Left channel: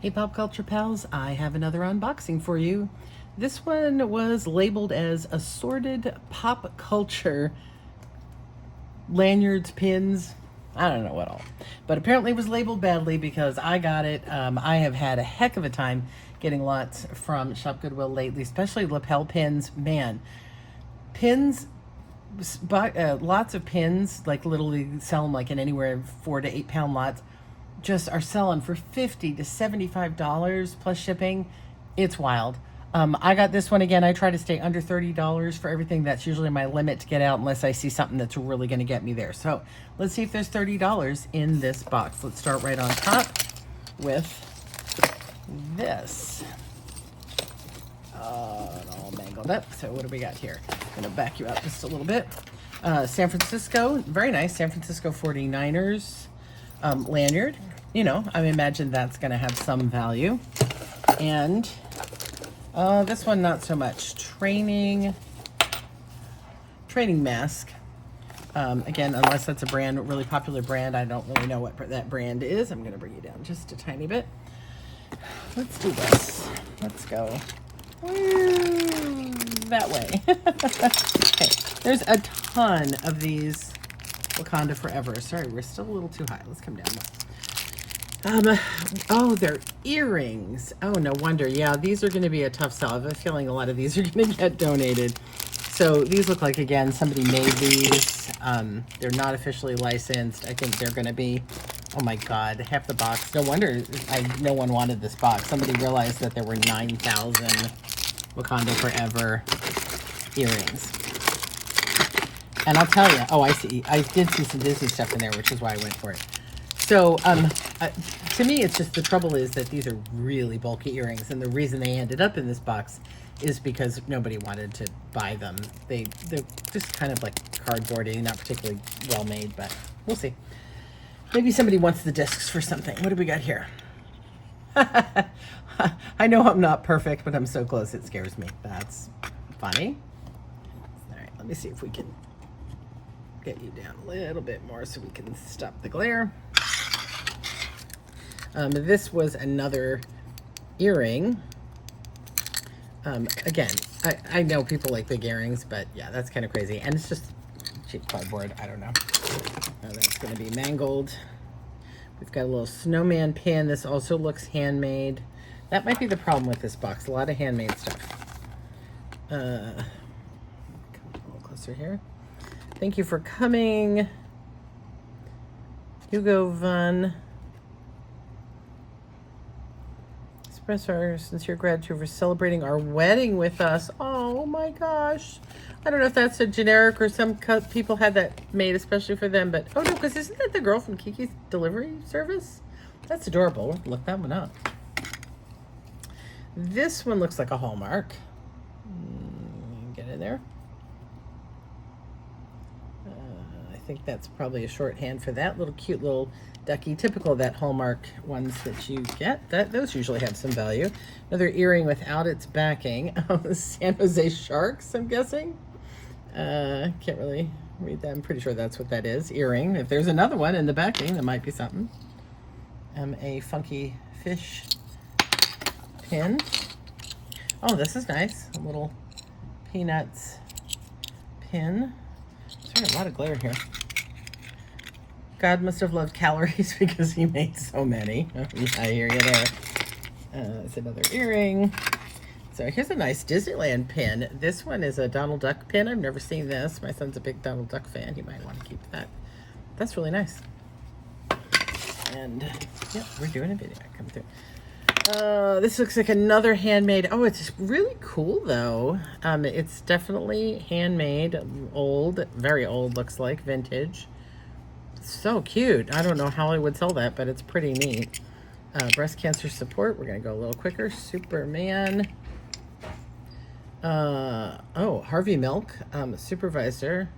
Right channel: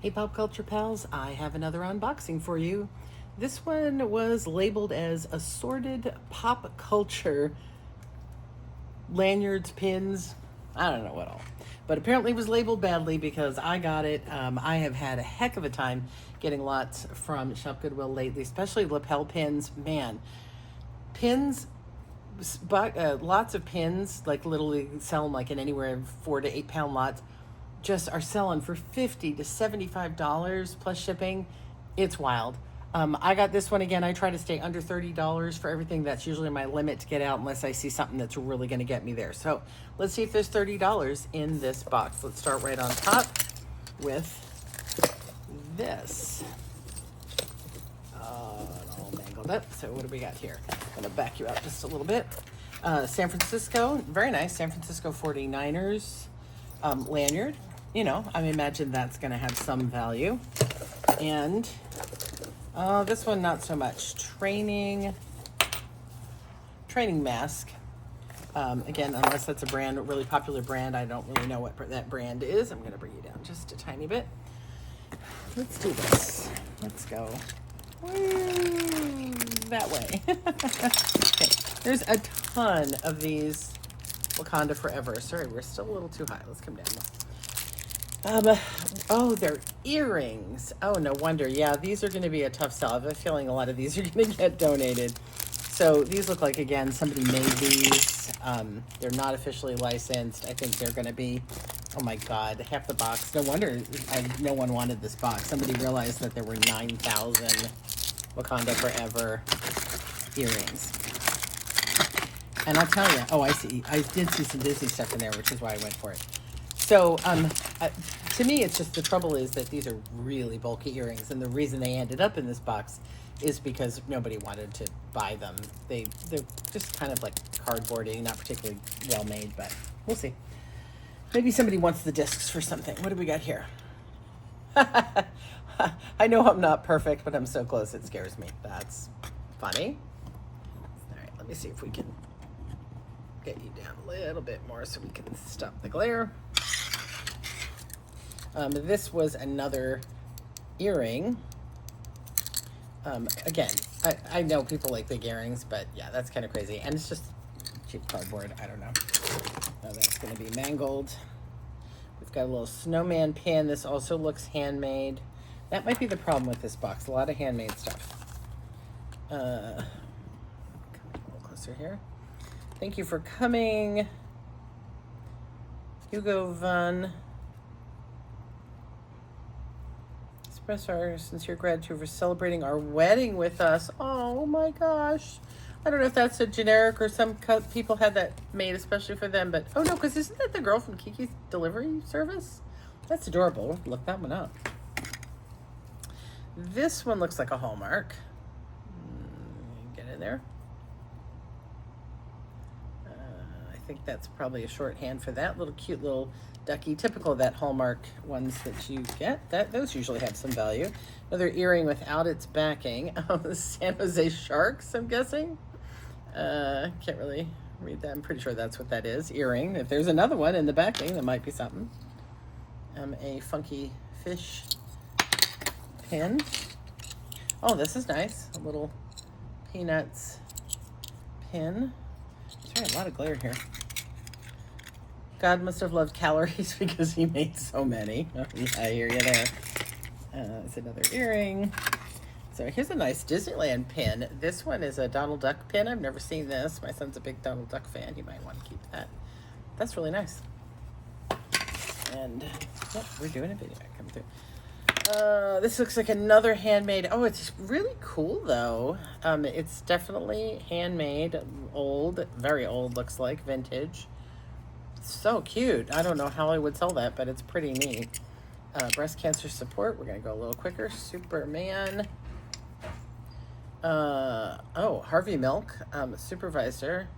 Hey Pop Culture Pals, I have another unboxing for you. This one was labeled as assorted pop culture lanyards, pins, I don't know what all. But apparently it was labeled badly because I got it. I have had a heck of a time getting lots from Shop Goodwill lately, especially lapel pins. Man, pins, lots of pins, like literally sell them like in anywhere 4 to 8 pound lots, just are selling for $50 to $75 plus shipping. It's wild. I got this one again. I try to stay under $30 for everything. That's usually my limit to get out unless I see something that's really going to get me there. So let's see if there's $30 in this box. Let's start right on top with this. All mangled up. So what do we got here? I'm going to back you out just a little bit. San Francisco, very nice. San Francisco 49ers lanyard. You know, I imagine that's going to have some value. And this one, not so much. Training mask. Again, unless that's a brand, a really popular brand, I don't really know what that brand is. I'm going to bring you down just a tiny bit. Let's do this. Let's go that way. Okay. There's a ton of these Wakanda Forever. Sorry, we're still a little too high. Let's come down. Oh, they're earrings. Oh, no wonder. Yeah, these are going to be a tough sell. I have a feeling a lot of these are going to get donated. So these look like, again, somebody made these. They're not officially licensed. I think they're going to be, oh my God, half the box. No wonder no one wanted this box. Somebody realized that there were 9,000 Wakanda Forever earrings. And I'll tell you, oh, I see. I did see some Disney stuff in there, which is why I went for it. So, to me, it's just the trouble is that these are really bulky earrings, and the reason they ended up in this box is because nobody wanted to buy them. They're just kind of like cardboardy, not particularly well made, but we'll see. Maybe somebody wants the discs for something. What do we got here? I know I'm not perfect, but I'm so close it scares me. That's funny. All right, let me see if we can get you down a little bit more so we can stop the glare. This was another earring. Again, I know people like big earrings, but yeah, that's kind of crazy. And it's just cheap cardboard. I don't know. That's going to be mangled. We've got a little snowman pin. This also looks handmade. That might be the problem with this box. A lot of handmade stuff. Come a little closer here. Thank you for coming, Hugo Van. Express our sincere gratitude for celebrating our wedding with us. Oh my gosh. I don't know if that's a generic or some people had that made especially for them, but oh no, because isn't that the girl from Kiki's Delivery Service? That's adorable. Look that one up. This one looks like a Hallmark. Get in there. I think that's probably a shorthand for that little cute little ducky, typical of that Hallmark ones that you get. Those usually have some value. Another earring without its backing. San Jose Sharks, I'm guessing. Can't really read that. I'm pretty sure that's what that is. Earring. If there's another one in the backing, that might be something. A funky fish pin. Oh, this is nice. A little Peanuts pin. There's a lot of glare here. God must have loved calories because he made so many. I hear you there. It's another earring. So here's a nice Disneyland pin. This one is a Donald Duck pin. I've never seen this. My son's a big Donald Duck fan. He might want to keep that. That's really nice. And yeah, we're doing a video. Come through. This looks like another handmade. Oh, it's really cool though. It's definitely handmade, old, very old, looks like vintage. So cute. I don't know how I would sell that, but it's pretty neat. Breast cancer support. We're gonna go a little quicker. Superman. Oh, Harvey Milk, supervisor.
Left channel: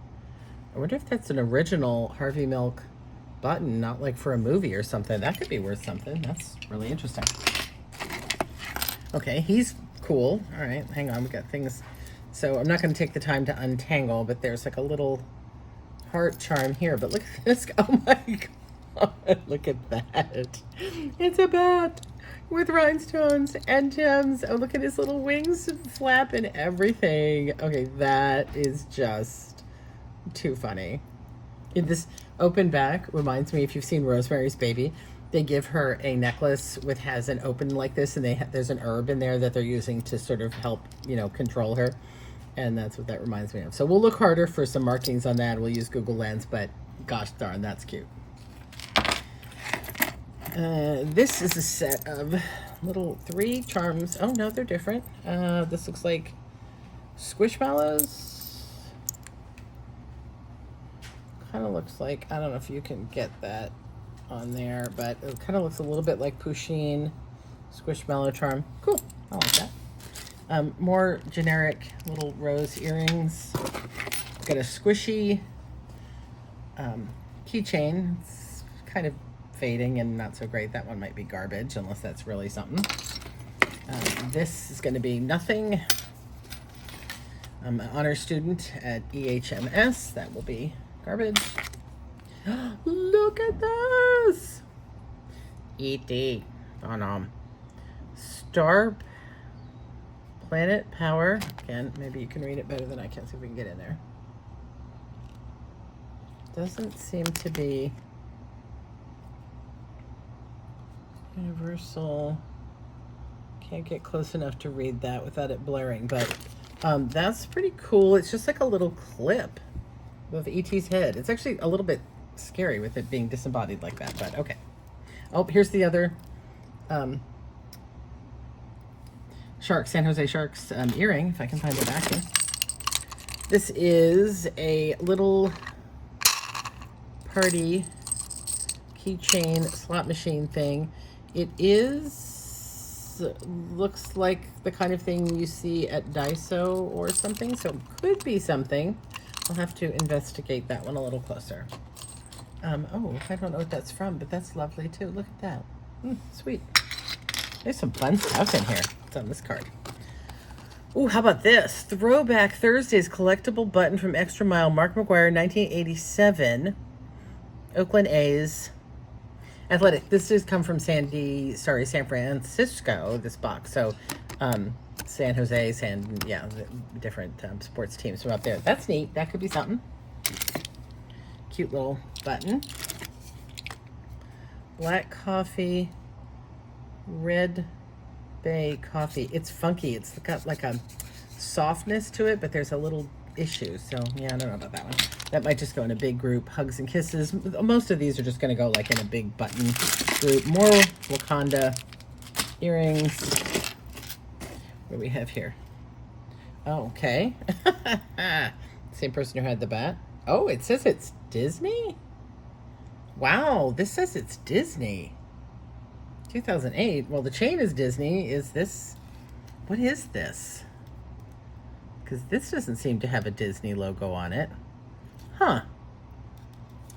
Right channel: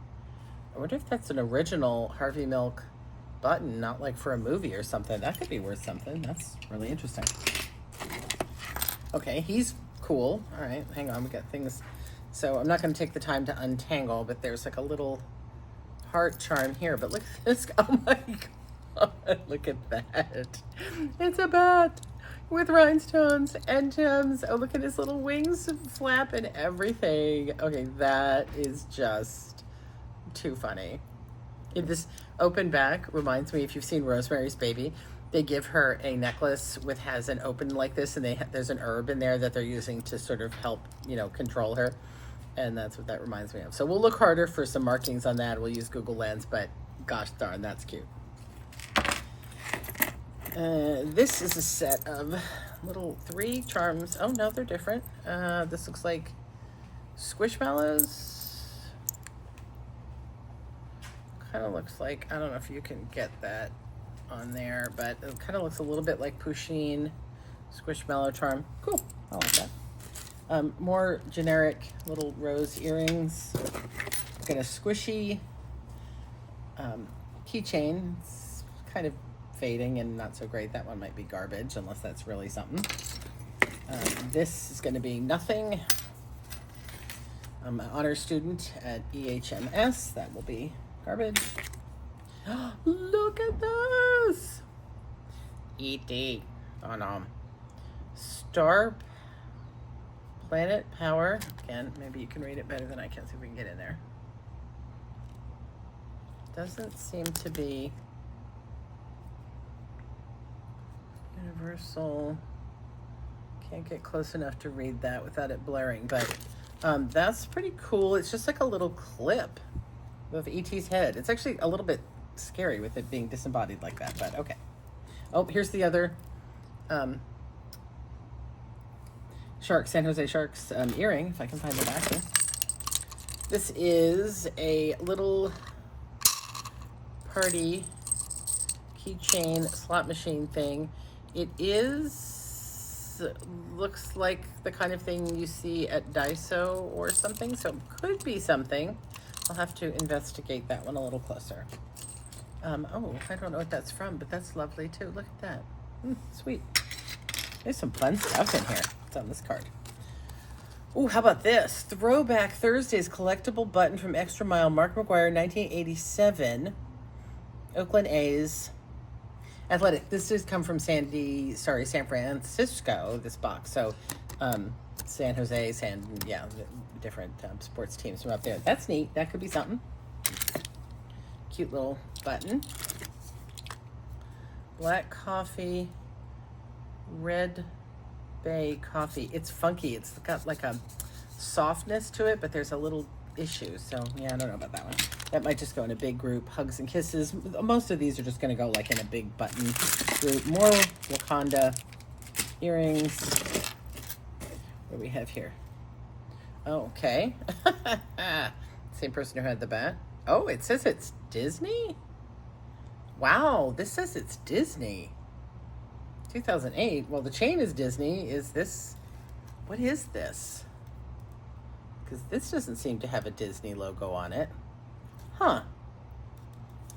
I wonder if that's an original Harvey Milk button, not like for a movie or something. That could be worth something. That's really interesting. Okay, he's cool. All right, hang on. We got things. So I'm not going to take the time to untangle, but there's like a little heart charm here. But look at this. Oh my God. Look at that. It's a bat. with rhinestones and gems. Oh, look at his little wings flap and everything. Okay, that is just too funny. In this open back reminds me, if you've seen Rosemary's Baby, they give her a necklace with has an open like this, and there's an herb in there that they're using to sort of help, you know, control her. And that's what that reminds me of. So we'll look harder for some markings on that. We'll use Google Lens, but gosh darn, that's cute. This is a set of little 3 charms. Oh no, they're different. This looks like Squishmallows. Kind of looks like, I don't know if you can get that on there, but it kind of looks a little bit like Pusheen Squishmallow charm. Cool, I like that. More generic little rose earrings. Got a squishy keychain. It's kind of fading and not so great. That one might be garbage unless that's really something. This is going to be nothing. I'm an honor student at EHMS. That will be garbage. Look at this! E.T. Oh no. Star Planet Power. Again, maybe you can read it better than I can. See if we can get in there. Doesn't seem to be universal. Can't get close enough to read that without it blaring, but that's pretty cool. It's just like a little clip of E.T.'s head. It's actually a little bit scary with it being disembodied like that, but okay. Oh, here's the other San Jose Sharks earring, if I can find it back here. This is a little party keychain slot machine thing. It looks like the kind of thing you see at Daiso or something, so it could be something. I'll have to investigate that one a little closer. Oh, I don't know what that's from, but that's lovely too. Look at that. Sweet. There's some fun stuff in here. It's on this card. Oh, how about this? Throwback Thursdays collectible button from Extra Mile. Mark McGuire, 1987. Oakland A's. Athletic. This has come from San Francisco, this box. So, San Jose, the different sports teams from up there. That's neat. That could be something. Cute little button. Black coffee, red bay coffee. It's funky. It's got like a softness to it, but there's a little issue. So yeah, I don't know about that one. That might just go in a big group. Hugs and kisses. Most of these are just going to go like in a big button group. More Wakanda earrings. What do we have here? Oh, okay. Same person who had the bat. Oh, it says it's Disney? Wow, this says it's Disney. 2008. Well, the chain is Disney. Is this... What is this? Because this doesn't seem to have a Disney logo on it. Huh.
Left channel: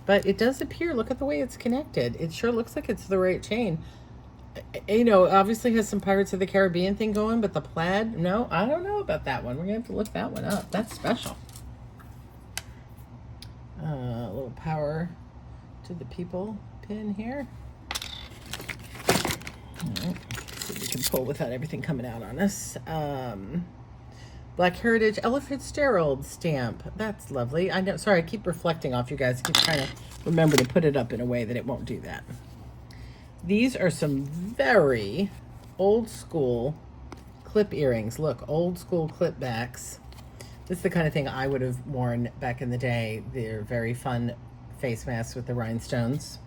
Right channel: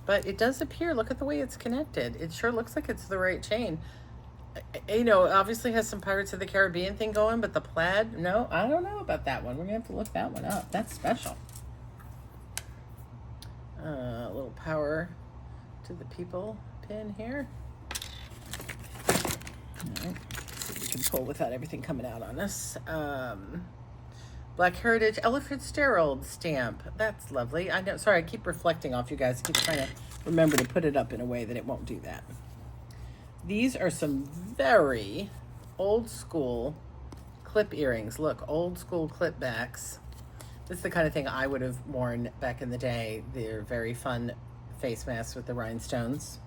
But it does appear, look at the way it's connected. It sure looks like it's the right chain. You know, obviously has some Pirates of the Caribbean thing going, but the plaid, no, I don't know about that one. We're going to have to look that one up. That's special. A little power to the people pin here. Right. So we can pull without everything coming out on us. Black Heritage Ella Fitzgerald stamp. That's lovely. I know. Sorry, I keep reflecting off you guys. I keep trying to remember to put it up in a way that it won't do that. These are some very old school clip earrings. Look, old school clip backs. This is the kind of thing I would have worn back in the day. They're very fun face masks with the rhinestones.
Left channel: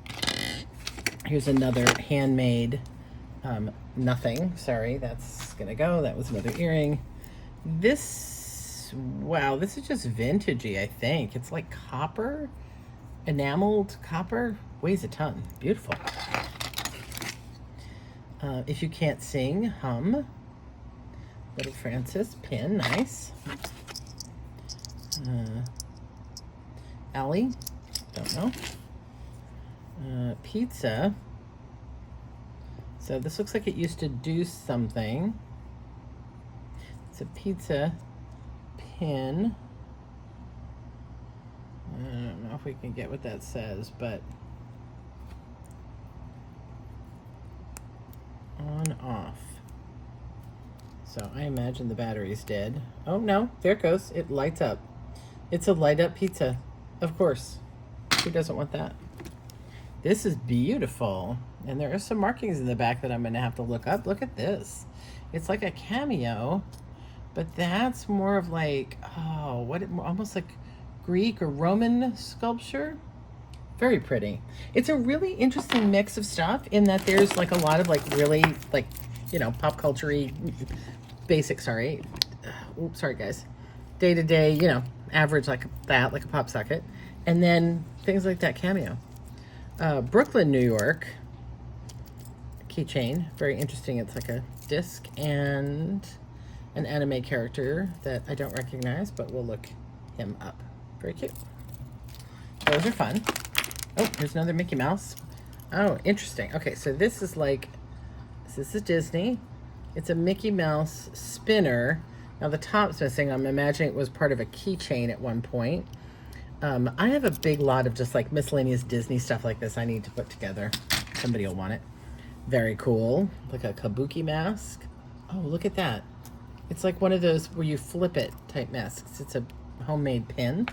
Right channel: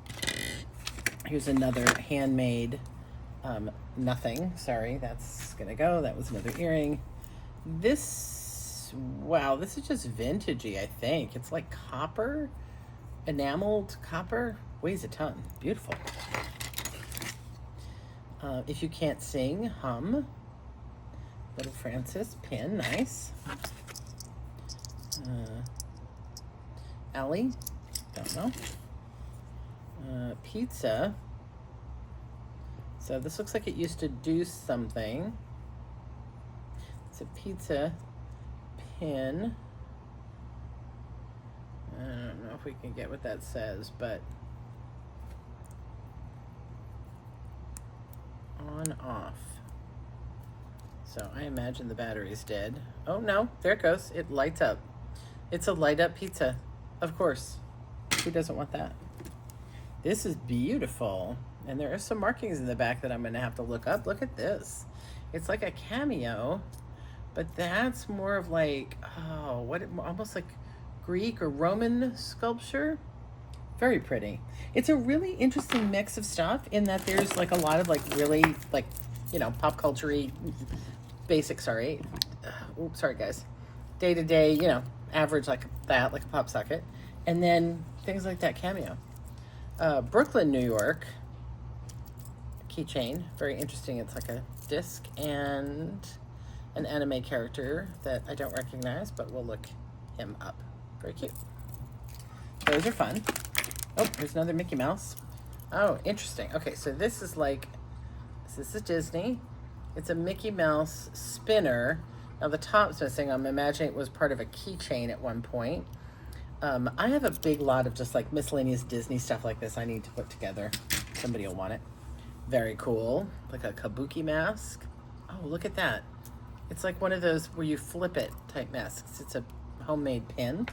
Here's another handmade nothing. Sorry, that's gonna go. That was another earring. This, wow, this is just vintagey, I think. It's like copper, enameled copper. Weighs a ton. Beautiful. If you can't sing, hum. Little Francis pin, nice. Allie, don't know. Pizza. So this looks like it used to do something. It's a pizza pin. I don't know if we can get what that says, but on So I imagine the battery's dead. Oh no, there it goes. It lights up. It's a light up pizza. Of course. Who doesn't want that? This is beautiful. And there are some markings in the back that I'm gonna have to look up. Look at this. It's like a cameo, but that's more of like, oh, what, almost like Greek or Roman sculpture. Very pretty. It's a really interesting mix of stuff in that there's like a lot of like really like, you know, pop culture-y, basic, sorry. Oops, sorry guys. Day to day, you know, average like that, like a pop socket. And then things like that cameo. Brooklyn, New York. Keychain. Very interesting. It's like a disc and an anime character that I don't recognize, but we'll look him up. Very cute. Those are fun. Oh, there's another Mickey Mouse. Oh, interesting. Okay, so this is like, this is Disney. It's a Mickey Mouse spinner. Now the top's missing. I'm imagining it was part of a keychain at one point. I have a big lot of just like miscellaneous Disney stuff like this I need to put together. Somebody will want it. Very cool. Like a kabuki mask. Oh, look at that. It's like one of those where you flip it type masks. It's a homemade pin.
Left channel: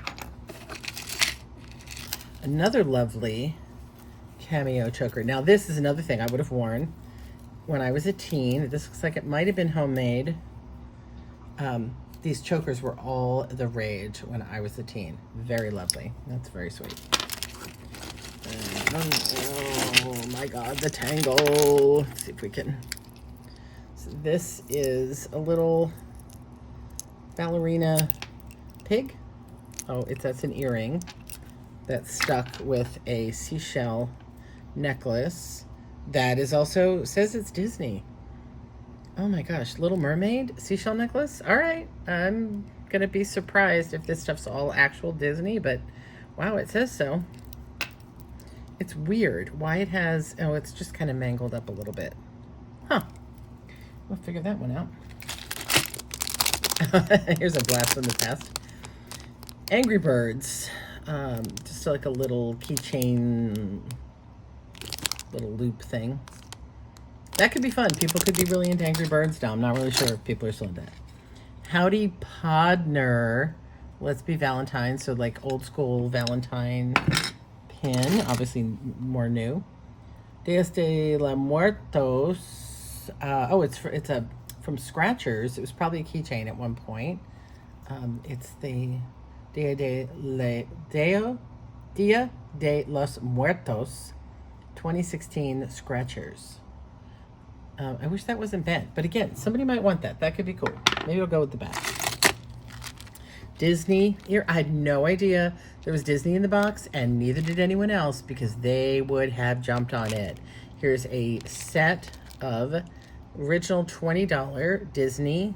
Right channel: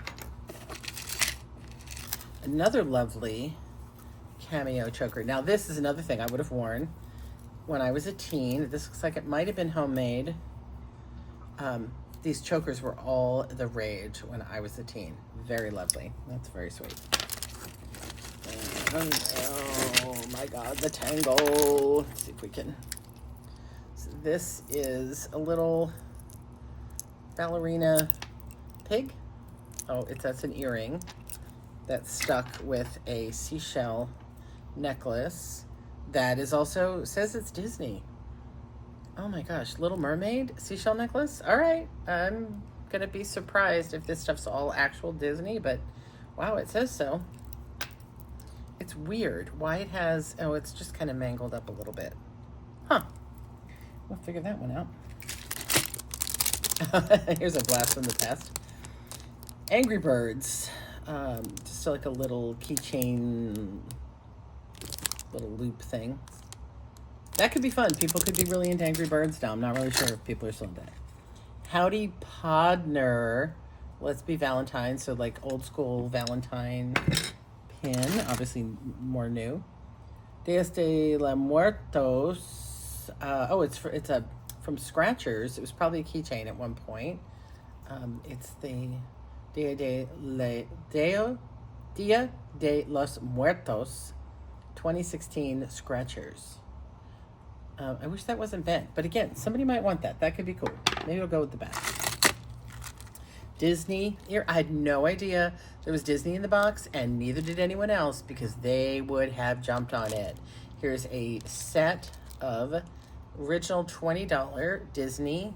Another lovely cameo choker. Now this is another thing I would have worn when I was a teen. This looks like it might have been homemade. These chokers were all the rage when I was a teen. Very lovely. That's very sweet. Oh my God, the tangle. Let's see if we can. So this is a little ballerina pig. Oh, that's an earring that's stuck with a seashell necklace that is also, says it's Disney. Oh my gosh, Little Mermaid seashell necklace? All right, I'm gonna be surprised if this stuff's all actual Disney, but wow, it says so. It's weird why it has, oh, it's just kind of mangled up a little bit. Huh, we'll figure that one out. Here's a blast from the past. Angry Birds. Just like a little keychain, little loop thing. That could be fun. People could be really into Angry Birds now. I'm not really sure if people are still into that. Howdy Podner. Let's Be Valentine. So like old school Valentine pin. Obviously more new. Dias de la Muertos. Oh, it's from Scratchers. It was probably a keychain at one point. It's the Dia de los Muertos 2016 Scratchers. I wish that wasn't bent, but again, somebody might want that. That could be cool. Maybe we'll go with the back. Disney. Here, I had no idea there was Disney in the box, and neither did anyone else because they would have jumped on it. Here's a set of original $20 Disney,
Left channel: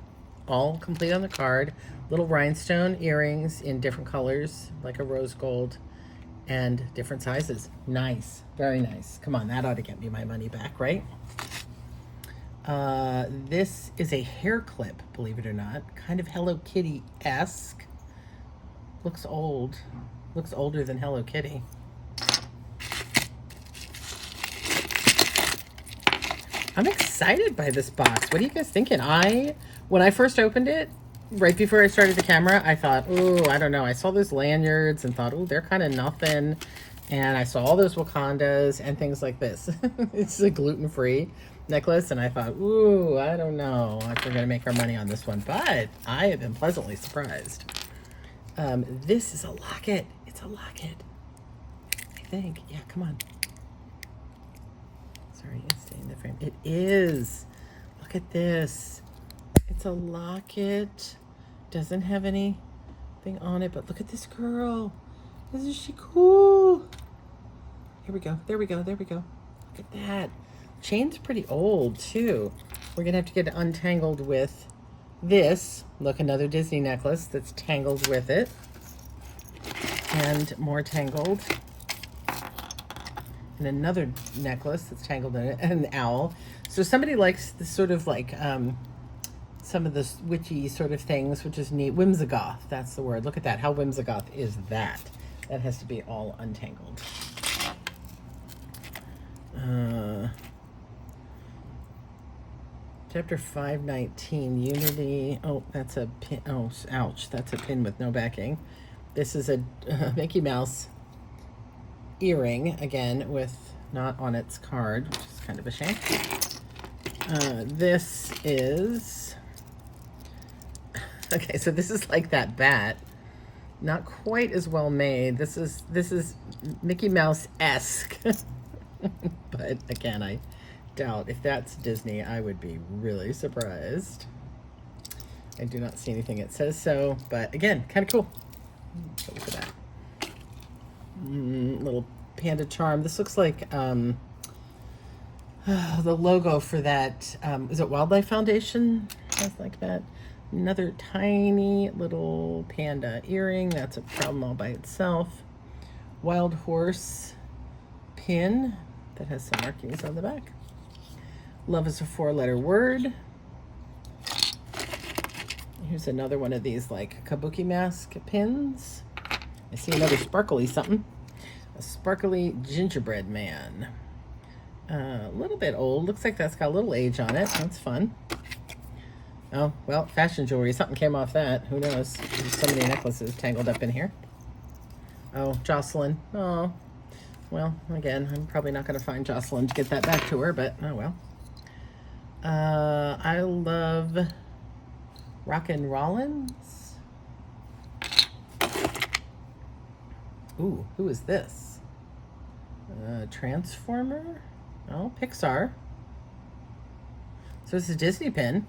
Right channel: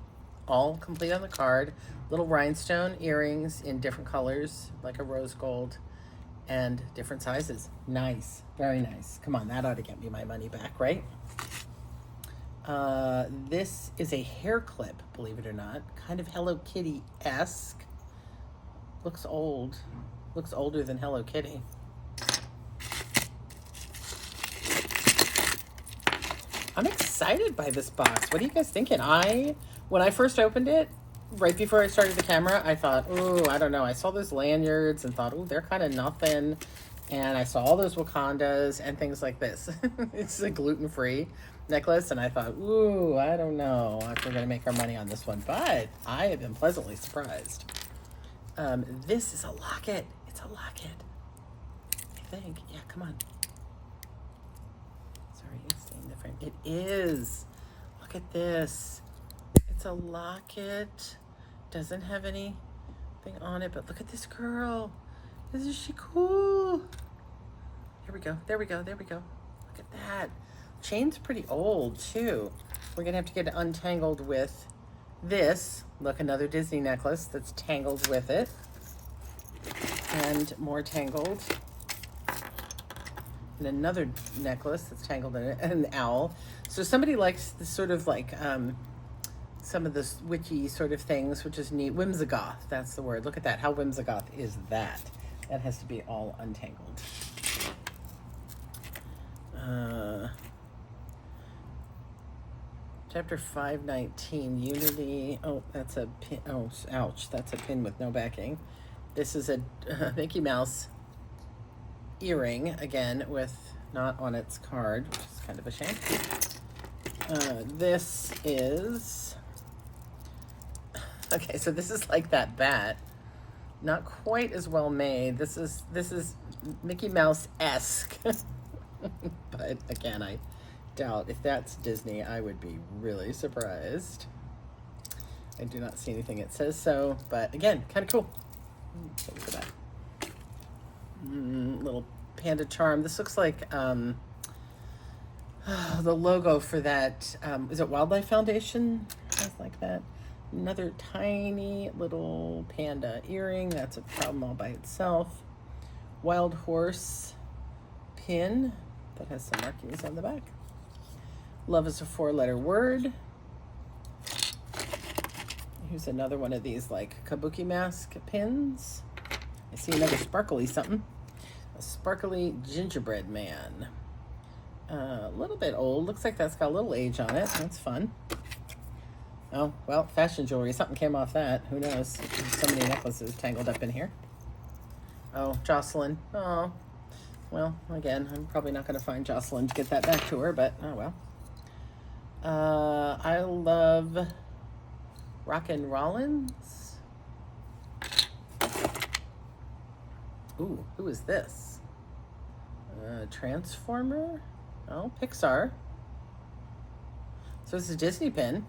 all complete on the card. Little rhinestone earrings in different colors, like a rose gold, and different sizes. Nice, very nice. Come on, that ought to get me my money back, right? This is a hair clip, believe it or not. Kind of Hello Kitty-esque. Looks old. Looks older than Hello Kitty. I'm excited by this box. What are you guys thinking? When I first opened it, right before I started the camera, I thought, ooh, I don't know. I saw those lanyards and thought, ooh, they're kind of nothing. And I saw all those Wakandas and things like this. It's a gluten-free necklace, and I thought, ooh, I don't know if we're going to make our money on this one, but I have been pleasantly surprised. This is a locket. It's a locket, I think. Yeah, come on. Sorry, it's staying in the frame. It is. Look at this. It's a locket. Doesn't have anything on it, but look at this girl. Isn't she cool? Here we go. There we go. There we go. Look at that. Chain's pretty old too. We're gonna have to get it untangled with this. Look, another Disney necklace that's tangled with it. And more tangled. And another necklace that's tangled in it, and an owl. So somebody likes the sort of like some of the witchy sort of things, which is neat. Whimsigoth, that's the word. Look at that. How whimsigoth is that? That has to be all untangled. Chapter 519, Unity. Oh, that's a pin. Oh, ouch. That's a pin with no backing. This is a Mickey Mouse earring, again, with not on its card, which is kind of a shame. This is... Okay, so this is like that bat. Not quite as well made. This is Mickey Mouse-esque. But again, I doubt if that's Disney, I would be really surprised. I do not see anything that says so, but again, kind of cool. Look at that. Little panda charm. This looks like the logo for that. Is it Wildlife Foundation? Something like that. Another tiny little panda earring. That's a problem all by itself. Wild horse pin that has some markings on the back. Love is a 4-letter word. Here's another one of these like kabuki mask pins. I see another sparkly something. A sparkly gingerbread man. A little bit old. Looks like that's got a little age on it. That's fun. Oh, well, fashion jewelry. Something came off that. Who knows? There's so many necklaces tangled up in here. Oh, Jocelyn. Oh. Well, again, I'm probably not going to find Jocelyn to get that back to her, but oh well. I love Rockin' Rollins. Ooh, who is this? Transformer? Oh, Pixar. So it's a Disney pin.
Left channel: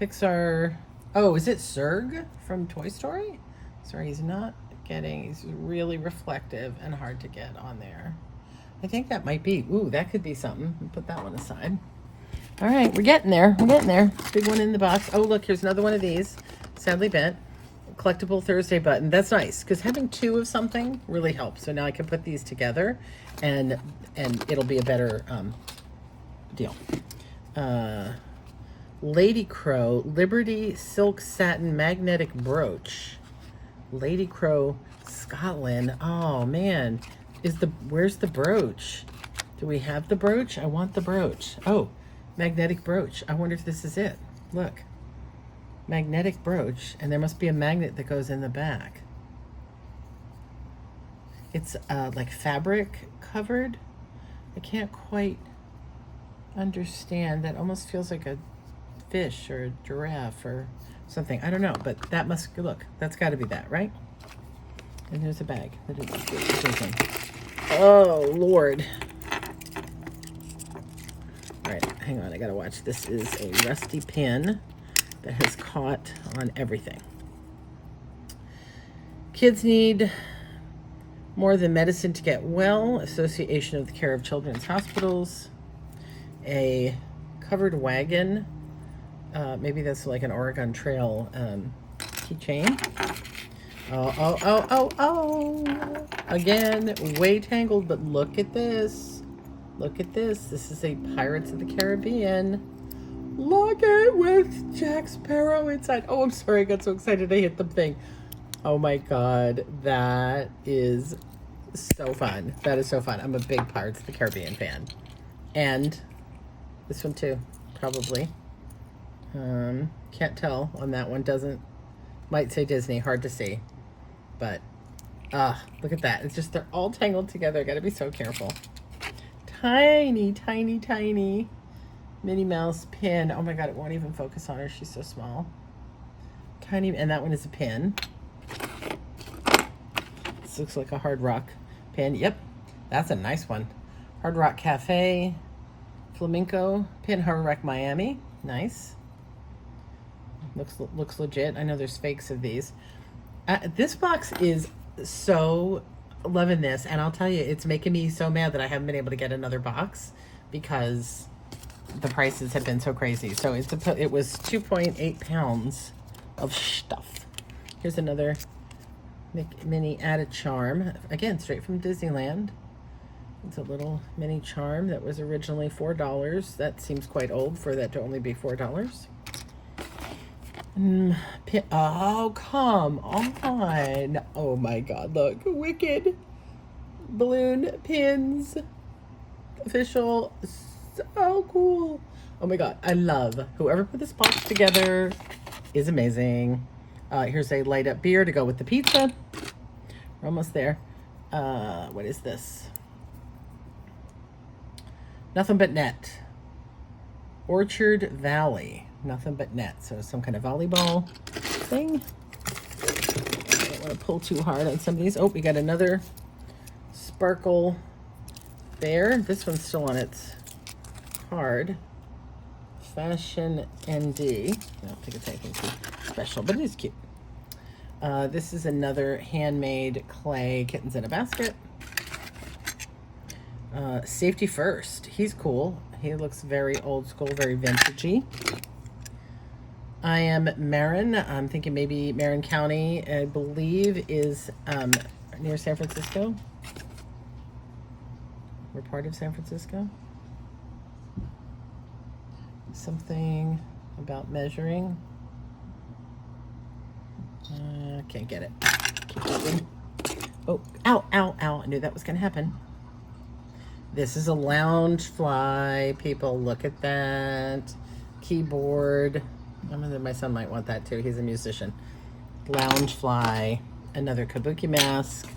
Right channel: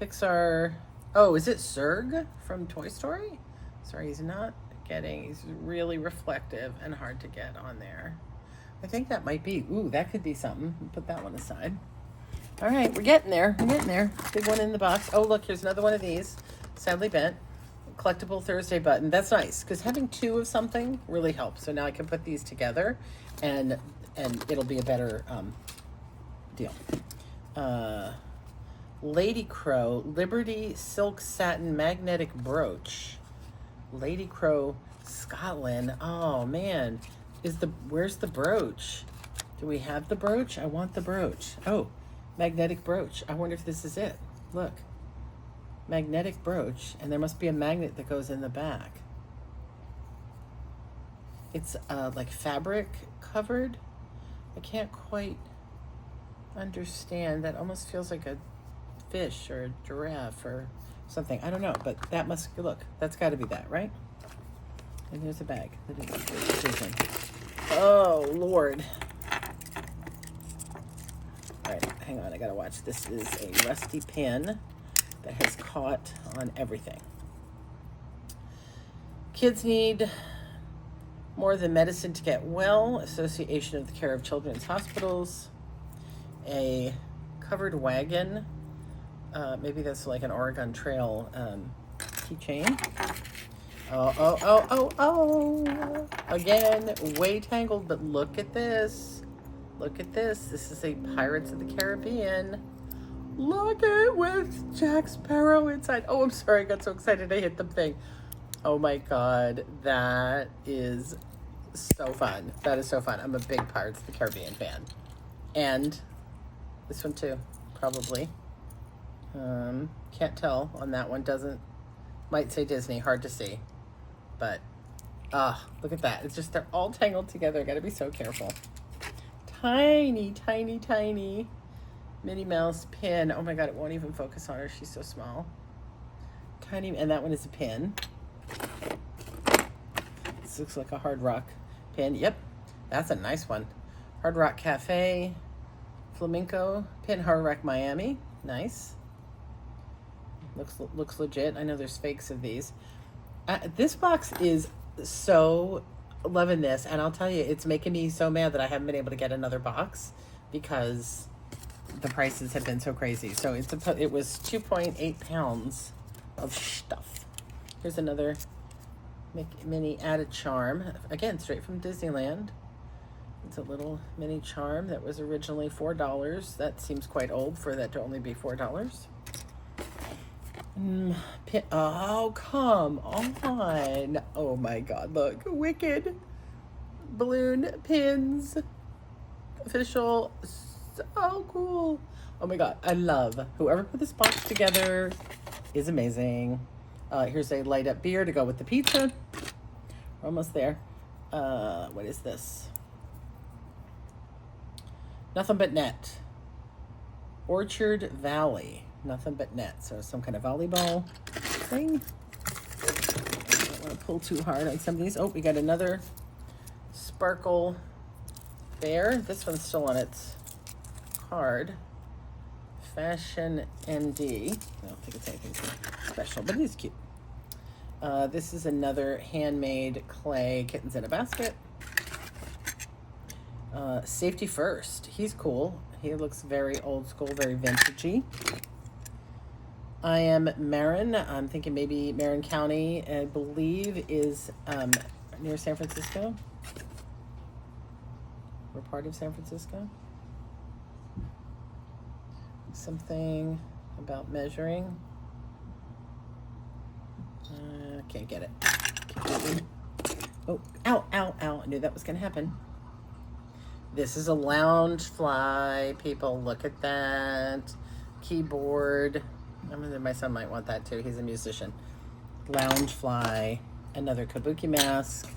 Pixar. Oh, is it Zurg from Toy Story? Sorry, he's not getting, he's really reflective and hard to get on there. I think that might be, ooh, that could be something. Put that one aside. All right, we're getting there. We're getting there. Big one in the box. Oh, look, here's another one of these. Sadly bent. Collectible Thursday button. That's nice, because having two of something really helps. So now I can put these together, and it'll be a better deal. Lady Crow Liberty Silk Satin Magnetic Brooch. Lady Crow, Scotland. Oh man, where's the brooch? Do we have the brooch? I want the brooch. Oh, magnetic brooch. I wonder if this is it. Look, magnetic brooch, and there must be a magnet that goes in the back. It's like fabric covered. I can't quite understand. That almost feels like a fish or a giraffe or something. I don't know, but that must, look, that's got to be that, right? And there's a bag. Oh, Lord. All right, hang on. I got to watch. This is a rusty pin that has caught on everything. Kids need more than medicine to get well. Association of the Care of Children's Hospitals. A covered wagon. Maybe that's like an Oregon Trail keychain. Oh. Again, way tangled, but look at this. Look at this. This is a Pirates of the Caribbean. Look at it with Jack Sparrow inside. Oh, I'm sorry. I got so excited I hit the thing. Oh my God. That is so fun. That is so fun. I'm a big Pirates of the Caribbean fan. And this one too, probably. Can't tell on that one. Might say Disney, hard to see. But, look at that. It's just, they're all tangled together. Gotta be so careful. Tiny, tiny, tiny Minnie Mouse pin. Oh my God, it won't even focus on her. She's so small. Tiny, and that one is a pin. This looks like a Hard Rock pin. Yep, that's a nice one. Hard Rock Cafe, Flamenco pin, Hard Rock Miami. Nice. Looks legit. I know there's fakes of these. This box is so loving this, and I'll tell you, it's making me so mad that I haven't been able to get another box because the prices have been so crazy. So it was 2.8 pounds of stuff. Here's another mini added charm. Again, straight from Disneyland. It's a little mini charm that was originally $4. That seems quite old for that to only be $4. Oh, come on. Oh my God, look. Wicked balloon pins. Official. So cool. Oh my God, I love whoever put this box together is amazing. Here's a light up beer to go with the pizza. We're almost there. What is this? Nothing But Net. Orchard Valley. Nothing But Net. So some kind of volleyball thing. I don't want to pull too hard on some of these. Oh, we got another sparkle bear. This one's still on its card. Fashion ND. I don't think it's anything too special, but it is cute. This is another handmade clay kittens in a basket. Safety First. He's cool. He looks very old school, very vintagey. I Am Marin. I'm thinking maybe Marin County, I believe, is near San Francisco. We're part of San Francisco. Something about measuring. Can't get it. Oh, ow, ow, ow. I knew that was going to happen. This is a lounge fly. People, look at that. Keyboard. I mean, my son might want that too. He's a musician. Lounge fly. Another kabuki mask.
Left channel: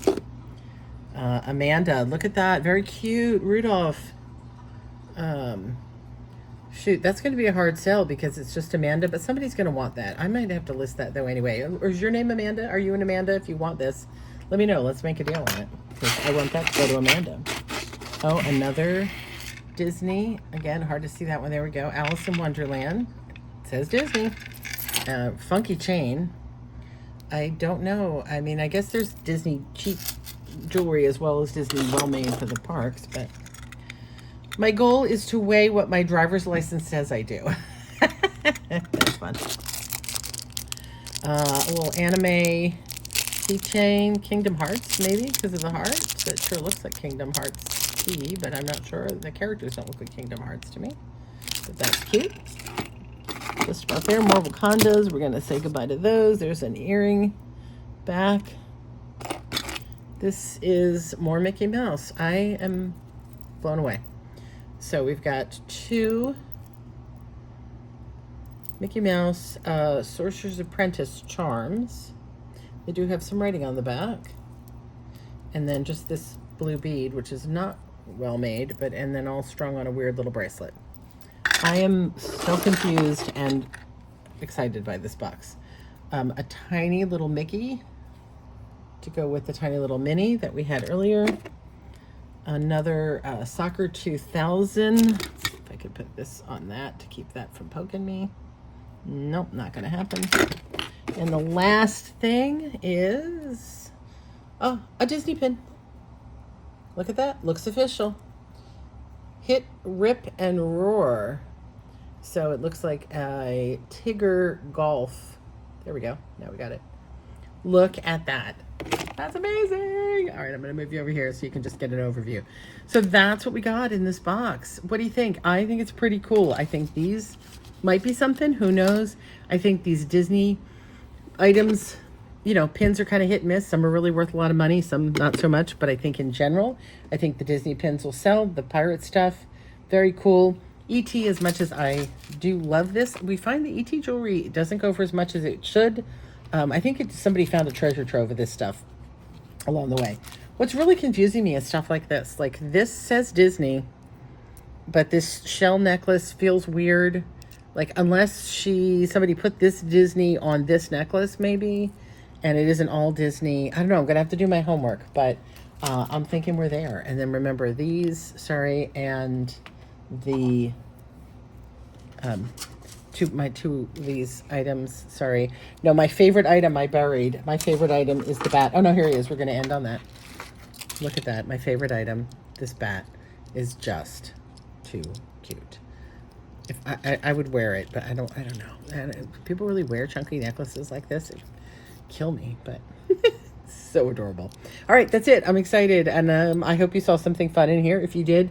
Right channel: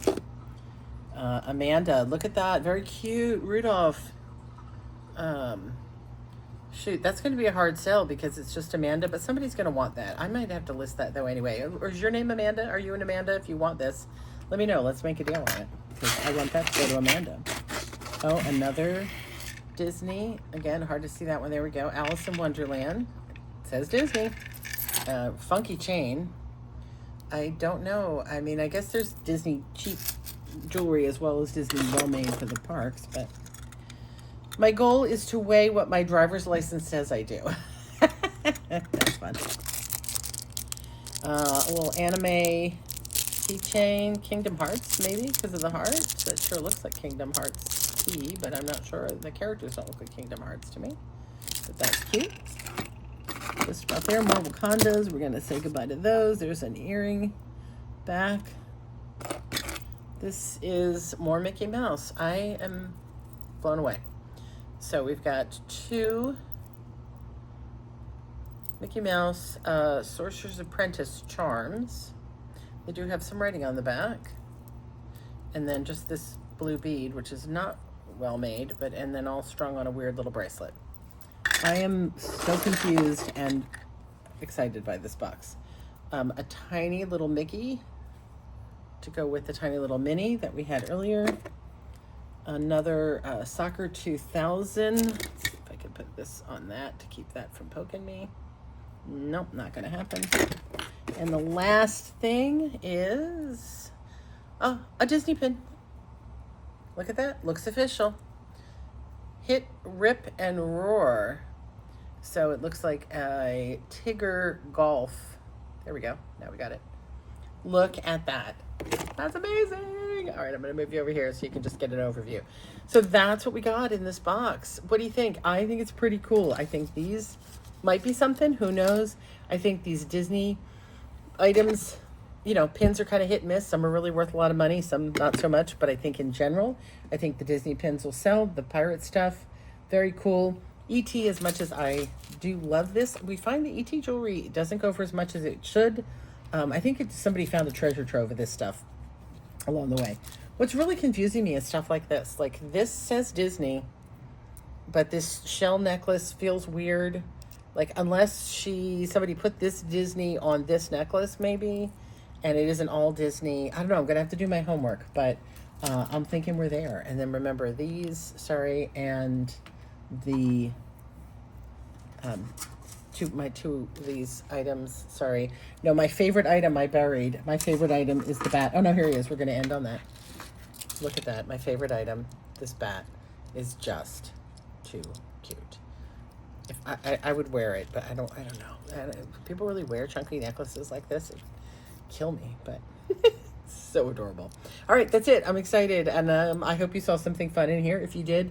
Amanda, look at that. Very cute. Rudolph. Shoot, that's going to be a hard sell because it's just Amanda, but somebody's going to want that. I might have to list that though anyway. Or is your name Amanda? Are you an Amanda? If you want this, let me know. Let's make a deal on it. I want that to go to Amanda. Oh, another Disney. Again, hard to see that one. There we go. Alice in Wonderland. It says Disney. Funky chain. I don't know. I mean, I guess there's Disney cheap jewelry as well as Disney well-made for the parks, but my goal is to weigh what my driver's license says I do. That's fun. A little anime keychain, Kingdom Hearts, maybe, because of the heart. That sure looks like Kingdom Hearts key, but I'm not sure. The characters don't look like Kingdom Hearts to me. But that's cute. Just about there, more Wakandas. We're going to say goodbye to those. There's an earring back. This is more Mickey Mouse. I am blown away. So we've got two Mickey Mouse Sorcerer's Apprentice charms. They do have some writing on the back. And then just this blue bead, which is not well made, but and then all strung on a weird little bracelet. I am so confused and excited by this box. A tiny little Mickey to go with the tiny little Minnie that we had earlier. Another Soccer 2000. If I could put this on that to keep that from poking me. Nope, not gonna happen. And the last thing is a Disney pin. Look at that, looks official. Hit, Rip, and Roar. So it looks like a Tigger Golf. There we go, now we got it. Look at that. That's amazing. All right, I'm going to move you over here so you can just get an overview. So that's what we got in this box. What do you think? I think it's pretty cool. I think these might be something. Who knows? I think these Disney items, you know, pins are kind of hit and miss. Some are really worth a lot of money, some not so much. But I think in general, I think the Disney pins will sell. The pirate stuff, very cool. ET, as much as I do love this, we find the ET jewelry doesn't go for as much as it should. I think somebody found a treasure trove of this stuff along the way. What's really confusing me is stuff like this. Like this says Disney, but this shell necklace feels weird. Like unless somebody put this Disney on this necklace maybe, and it isn't all Disney. I don't know, I'm gonna have to do my homework, but I'm thinking we're there. And then remember these, sorry, and the, my two of these items, sorry. No, my favorite item I buried. My favorite item is the bat. Oh no, here he is. We're gonna end on that. Look at that, my favorite item. This bat is just too cute. If I would wear it, but I don't know. People really wear chunky necklaces like this. It kill me, but so adorable. All right, that's it. I'm excited, and I hope you saw something fun in here. If you did,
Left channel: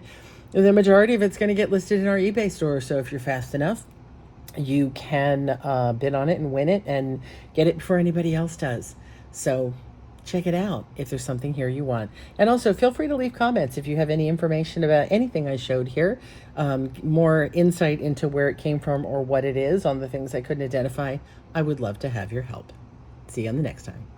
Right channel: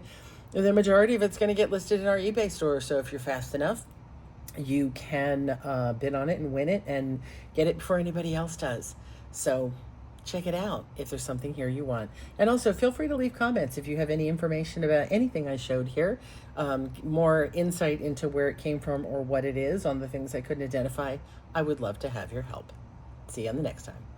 the majority of it's gonna get listed in our eBay store, so if you're fast enough, you can bid on it and win it and get it before anybody else does. So check it out if there's something here you want. And also feel free to leave comments if you have any information about anything I showed here, more insight into where it came from or what it is on the things I couldn't identify. I would love to have your help. See you on the next time.